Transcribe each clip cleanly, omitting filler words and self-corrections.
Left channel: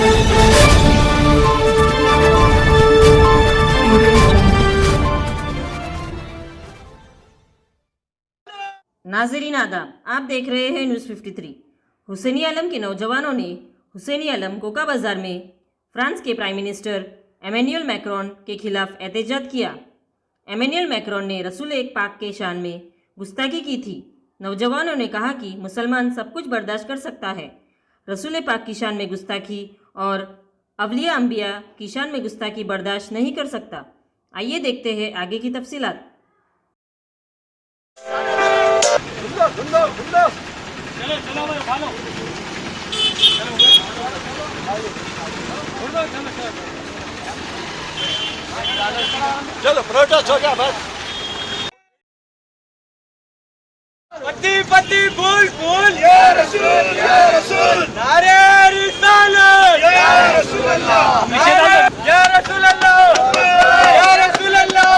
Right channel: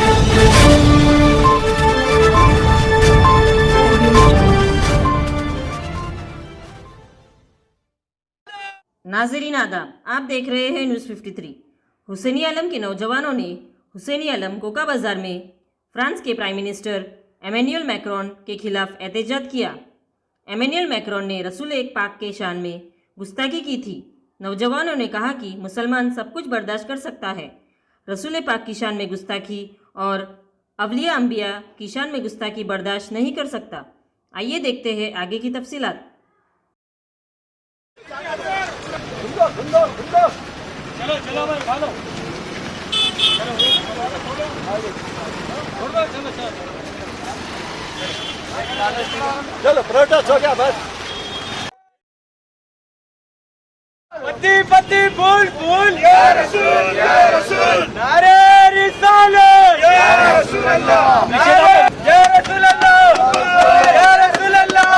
नाज़रीन आदाब, आप देख रहे हैं न्यूज़ 53। हुसैनी आलम के नौजवानों ने हुसैनी आलम कोका बाजार में फ्रांस के प्राइम मिनिस्टर एमेन्युअल मैक्रोन के खिलाफ एहतजाज किया। एमेन्युअल मैक्रोन ने रसूल एक पाक के शान में गुस्ताखी की थी। नौजवानों ने कहा कि मुसलमान सब कुछ बर्दाश्त कर सकता है, रसूल पाक की शान में गुस्ताखी और अवलिया अंबिया की शान में गुस्ताखी बर्दाश्त नहीं कर सकता। आइए देखते हैं आगे की तफसीलात। चलो प्रोटेस्ट हो गया बस। पति पति फूल फूल या रसूल नारे रिसालत या रसूल अल्लाह या रसूल अल्लाह या रसूल अल्लाह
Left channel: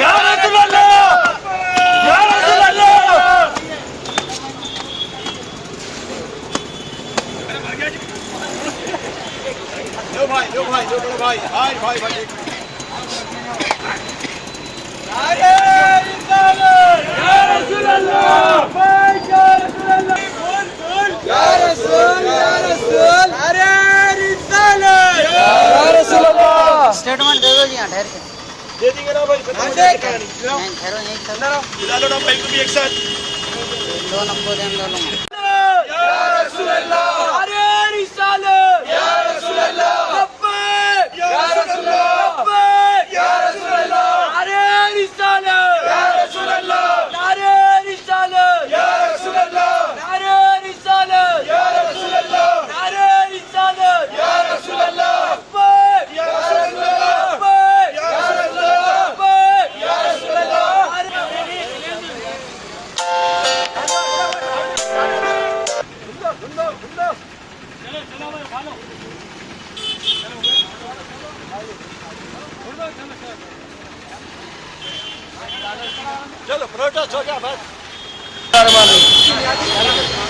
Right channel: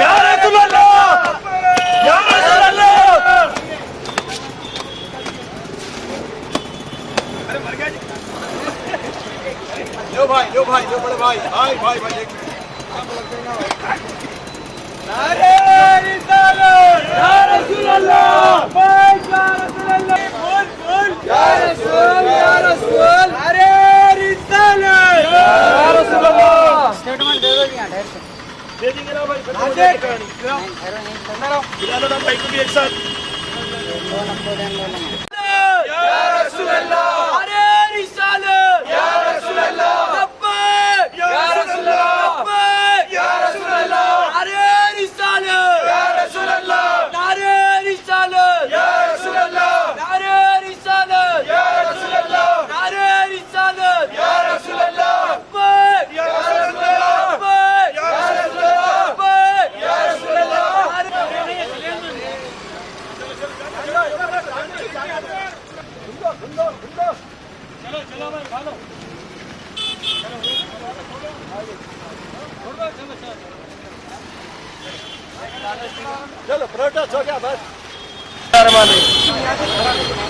या रसूल अल्लाह या रसूल अल्लाह। लो भाई लो बड़े भाई नारे रिसालत या रसूल अल्लाह या रसूल अल्लाह फूल फूल या रसूल नारे रिसालत या रसूल अल्लाह। स्टेटमेंट दे दो जी, ढेर से दे देंगे ना भाई, बता दो कहानी। बुला लो ना भाई को भी एक साथ। दो नंबर दे लो या रसूल अल्लाह नारे रिसालत या रसूल अल्लाह या रसूल अल्लाह या रसूल अल्लाह नारे रिसालत या रसूल अल्लाह नारे रिसालत या रसूल अल्लाह नारे रिसालत या रसूल अल्लाह नारे रिसालत या रसूल अल्लाह या रसूल अल्लाह या रसूल अल्लाह या रसूल अल्लाह। चलो भाई खा लो। चलो प्रोटेस्ट हो गया बस।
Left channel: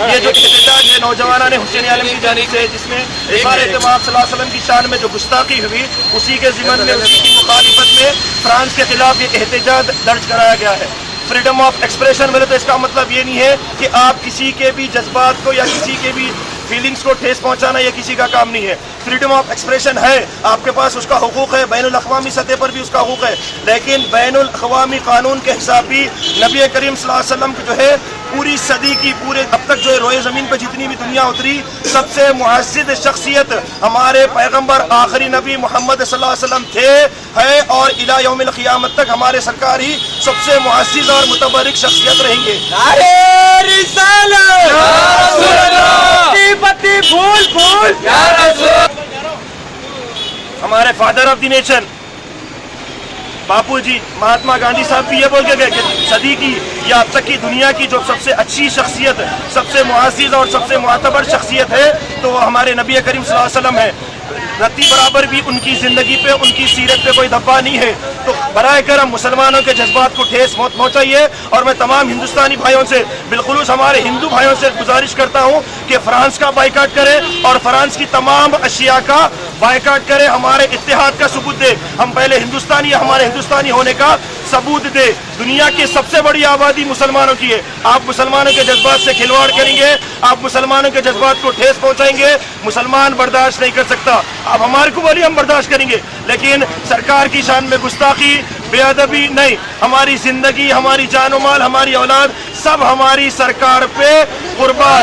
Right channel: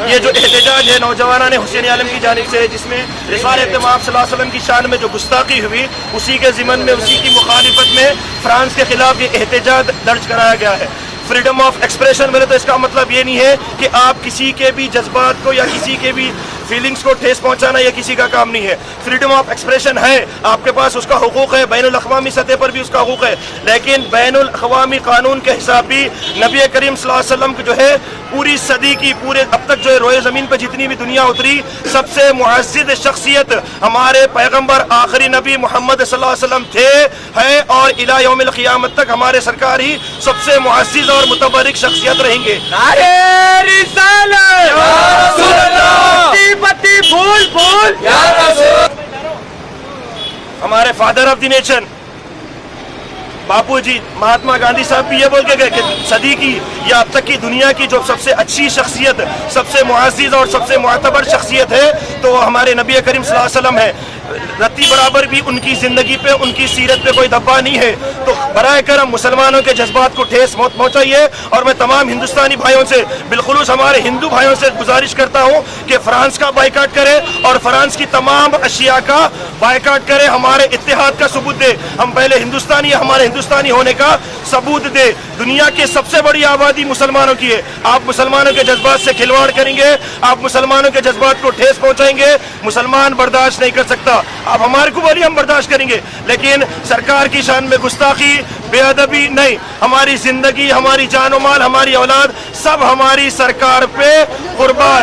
ये जो एहतजाज है नौजवाना ने हुसैनी आलम की जानिब से, जिसमें रिसाल इत्तेमाम सल्लल्लाहु अलैहि वसल्लम की शान में जो गुस्ताखी हुई, उसी के ज़िमन में उसी की मुखालिफत में फ्रांस के खिलाफ ये एहतजाज दर्ज कराया गया है। फ्रीडम ऑफ एक्सप्रेशन बोले तो इसका मतलब ये नहीं है कि आप किसी के भी जज्बात को या किसी के भी फीलिंग्स को ठेस पहुंचाना ये किसी का काम नहीं है। फ्रीडम ऑफ एक्सप्रेशन है, आपके पास उसका हुकूक है, बैनुल अक़वामी सतह पर भी उसका हुकूक है, लेकिन बैनुल अक़वामी कानून के हिसाब भी नबी करीम सल्लल्लाहु अलैहि वसल्लम की जो है पूरी सदी की पूरे अब तक जो है रोए ज़मीन पर जितनी भी दुनिया उतरी, सबसे मुअज़्ज़िज़ शख्सियत हमारे पैगम्बर आखिरी नबी मोहम्मद सल्लल्लाहु अलैहि वसल्लम थे, है और इला यौमिल क़ियामत तक हमारे सरकार ही सबसे मुअज़्ज़िज़ और मुतबर्रिक शख्सियत रहेंगे। नारे रिसालत पति फूल फूल या रसूल। हमारे फादर ऑफ द नेशन बापू जी महात्मा गांधी साहब भी ये बोल के गए कि सदी की या अब तक की दुनिया की जो सबसे अच्छी शख्सियत, सबसे मुअज़्ज़िज़ और सबसे मुअतबर शख्सियत है तो वो हमारे नबी करीम सल्लल्लाहु अलैहि वसल्लम है। रत्ती बराबर भी उनकी जिंदगी पे, उनकी सीरत पे कोई धब्बा नहीं है। तो बराए करम मुसलमानों के जज्बात को ठेस मत पहुंचाइए। और मैं तमाम हिंदुस्तानी भाइयों से, बिलखुलूस हमारे हिंदू भाइयों से गुजारिश करता हूं कि फ्रांस का बाइकाट करें और फ्रांस की तमाम अशिया का बाइकाट करें। हमारे इत्तेहाद का सबूत दे, हम पहले हिंदुस्तानी, हमारे हिंदुस्तानी होने का सबूत दे। दुनिया की सबसे बड़ी आबादी मुसलमानों की है। आप मुसलमानों के जज्बात से खिलवाड़ करेंगे, आप मुसलमानों के जज्बात को ठेस पहुंचाएंगे, मुसलमान बर्दाश्त नहीं कर सकता। आप हमारे को बोलिए, हम बर्दाश्त करेंगे, लेकिन सरकार की शान में गुस्ताखी, बेअदबी नहीं। हमारी जिंदगी, हमारी जान माल, हमारी औलाद सब हमारी सरकार पे कुर्बान।